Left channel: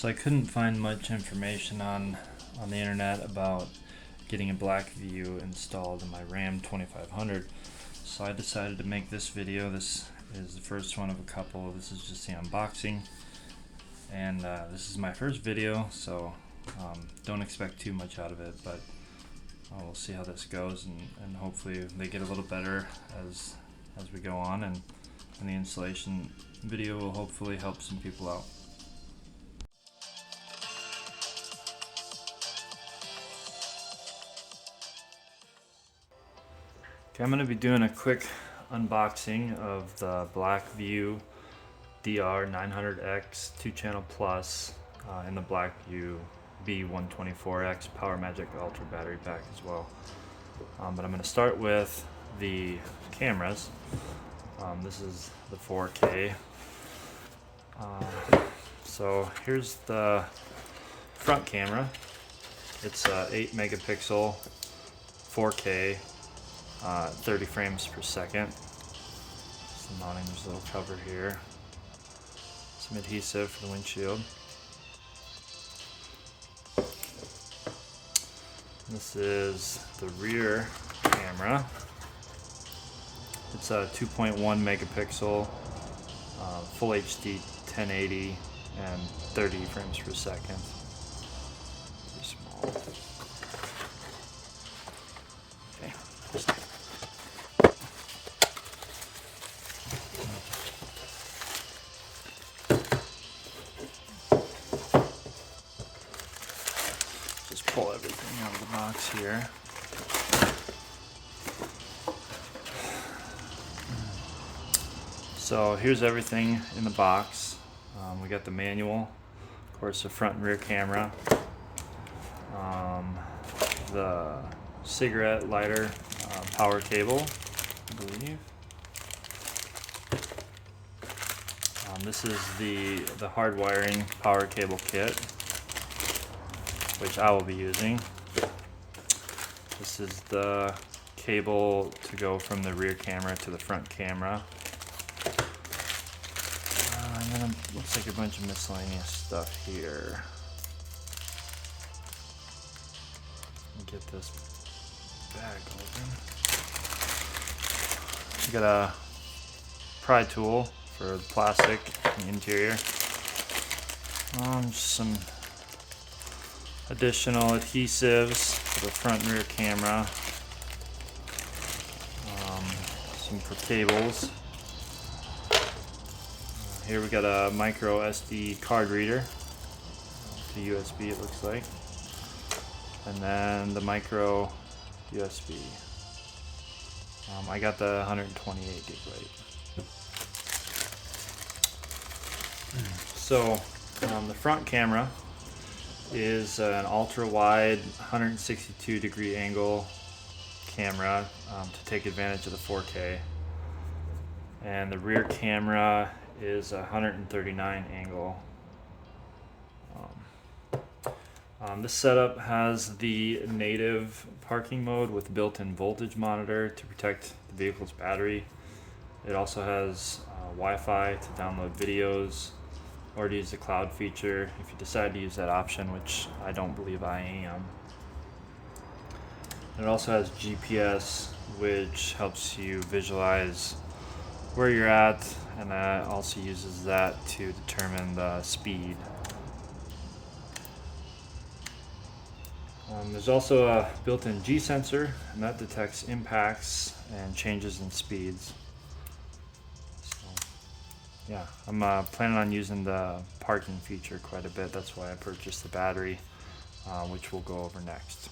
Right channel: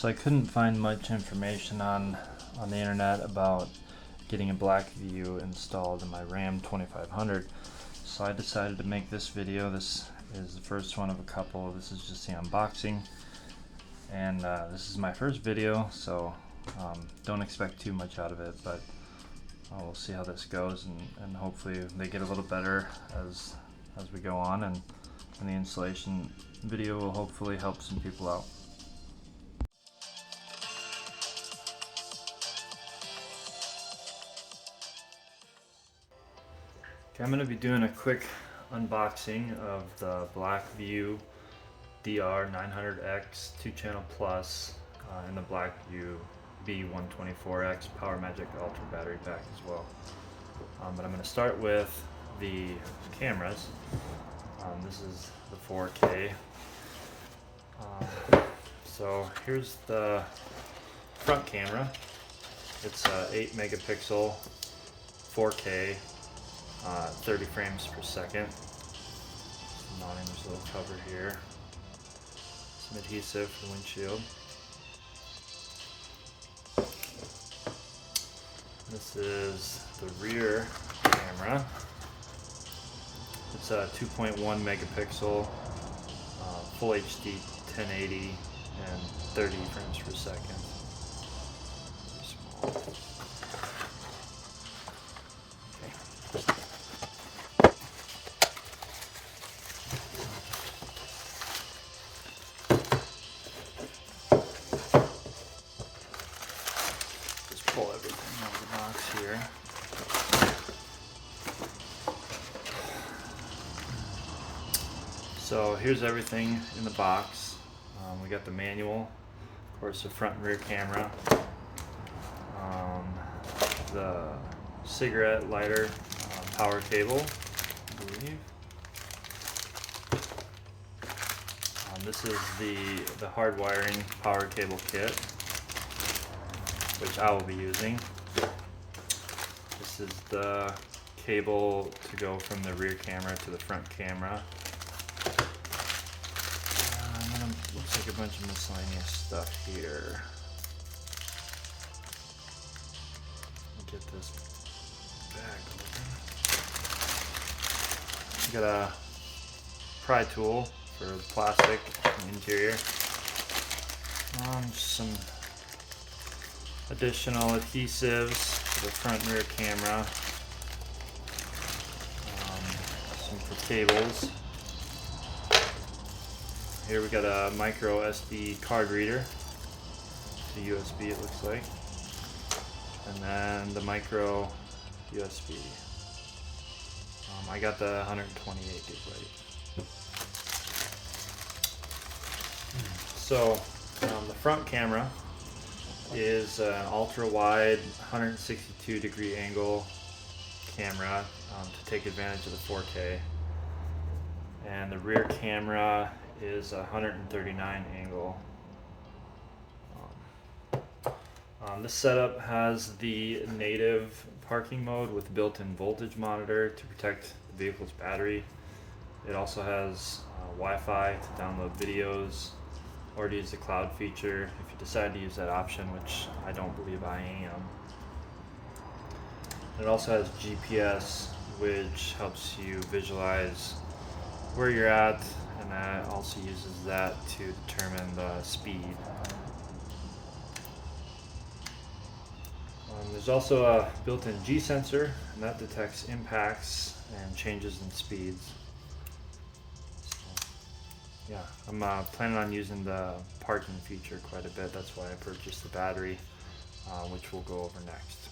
So I couldn't find much information on the internet about getting a BlackVue installed in my Ram 2500. So I decided to make this video. This is the first one of a couple. This is just the unboxing. And this is my first video, so don't expect too much out of it, but we'll see how this goes, and hopefully they get a little better as we go on, and the installation video will hopefully help some people out. Okay, I'm going to be doing a quick unboxing of the BlackVue DR900X-2CH Plus and the BlackVue B-124X Power Magic Ultra battery pack as well. But I'm going to start with the cameras. This is the 4K. So here's the front camera. It's 8 megapixel 4K, 30 frames per second. Just mounting this little cover here. Some adhesive for the windshield. This is the rear camera. It's a 2.1 megapixel, full HD 1080 and 30 frames per second. Okay. Just pull everything out of the box here. So here's everything in the box. We got the manual, of course, the front and rear camera, the cigarette lighter power cable, I believe. This is the hard wiring power cable kit, which I will be using. This is the cable to go from the rear camera to the front camera. And then it looks like a bunch of miscellaneous stuff here. Let me get this bag open. We got a pry tool for the plastic in the interior. Some additional adhesives for the front and rear camera. Some for cables. Here we got a micro SD card reader, to USB it looks like, and then the micro USB. I got the 128 gigabyte. So the front camera is an ultra wide 162 degree angle camera to take advantage of the 4K, and the rear camera is 139 angle. This setup has the native parking mode with built-in voltage monitor to protect the vehicle's battery. It also has Wi-Fi to download videos or to use the cloud feature if you decide to use that option, which I don't believe I am. It also has GPS, which helps you visualize where you're at, and that also uses that to determine the speed. There's also a built-in G sensor, and that detects impacts and changes in speeds. So, yeah, I'm planning on using the parking feature quite a bit. That's why I purchased the battery, which we'll go over next.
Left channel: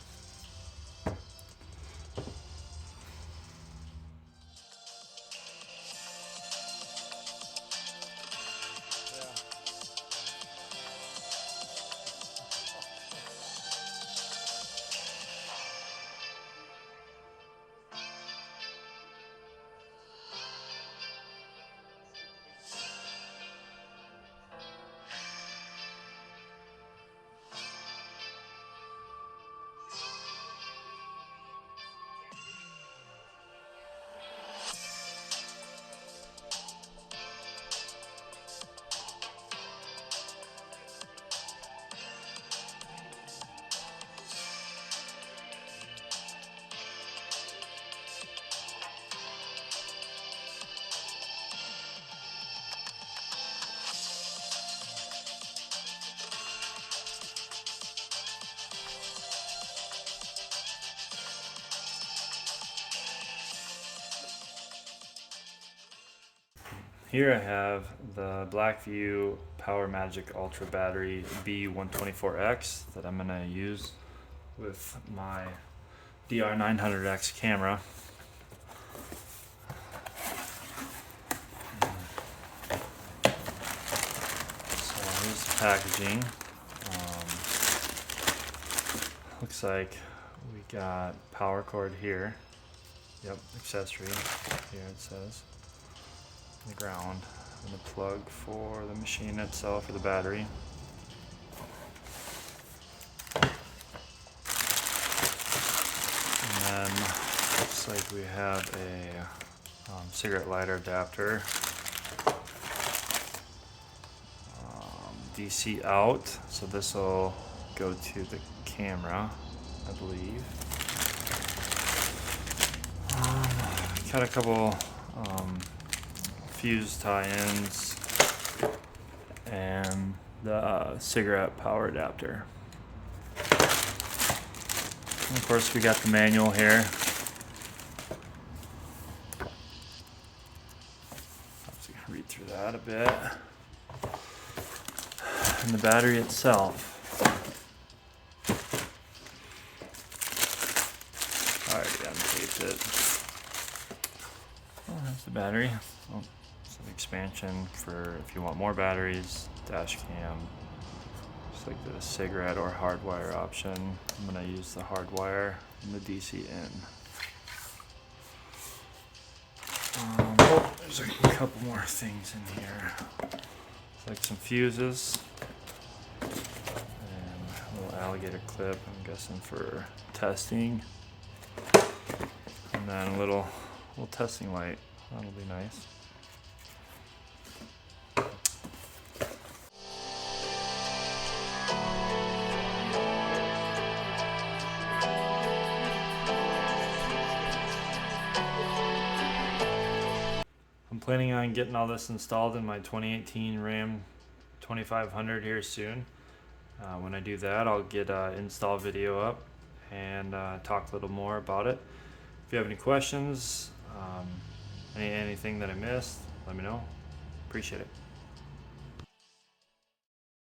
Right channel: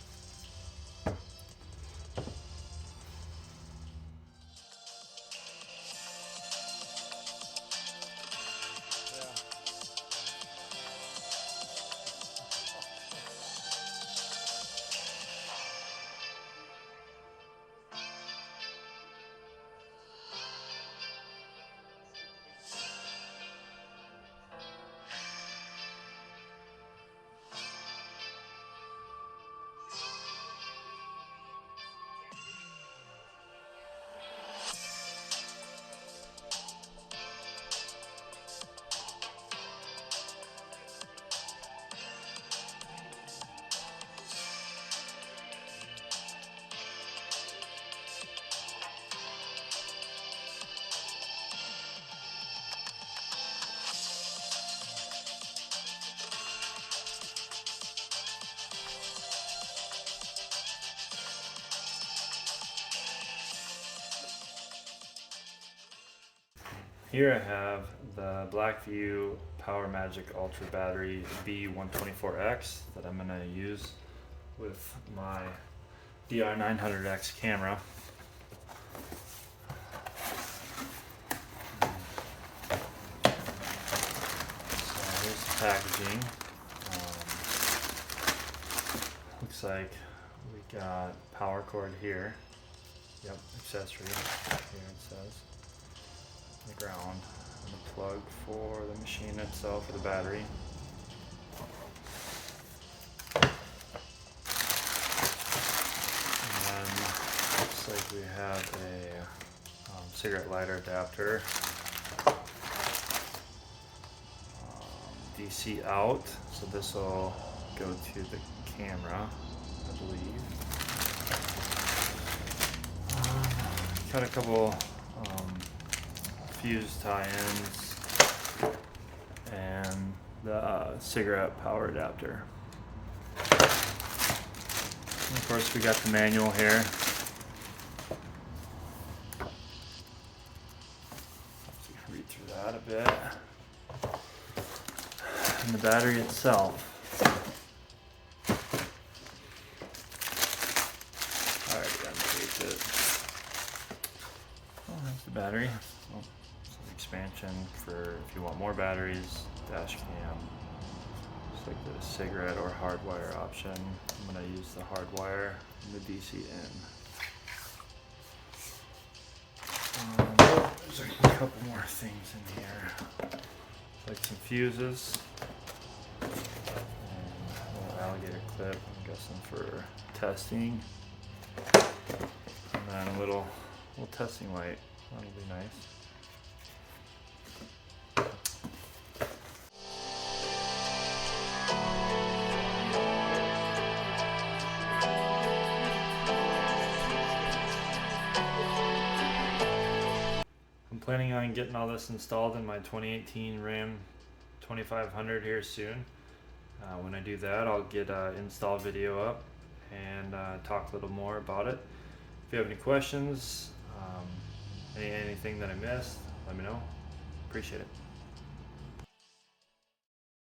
Here I have the BlackVue PowerMagic Ultra Battery B-124X that I'm going to use with my DR900X camera. So here's the packaging. Looks like we got power cord here. Yep, accessory. Here it says. The ground and the plug for the machine itself, for the battery. And then looks like we have a cigarette lighter adapter, DC out, so this will go to the camera, I believe. Got a couple fuse tie-ins and the cigarette power adapter. And of course we got the manual here. So you can read through that a bit. And the battery itself. I already untaped it. Oh, that's the battery. Oh, some expansion for if you want more batteries, dash cam. Looks like the cigarette or hardwire option. I'm going to use the hardwire and the DC in. There's a couple more things in here. Like some fuses. And a little alligator clip, I'm guessing for testing. And then a little testing light. That'll be nice. I'm planning on getting all this installed in my 2018 Ram 2500 here soon. When I do that, I'll get an install video up and talk a little more about it. If you have any questions, anything that I missed, let me know. Appreciate it.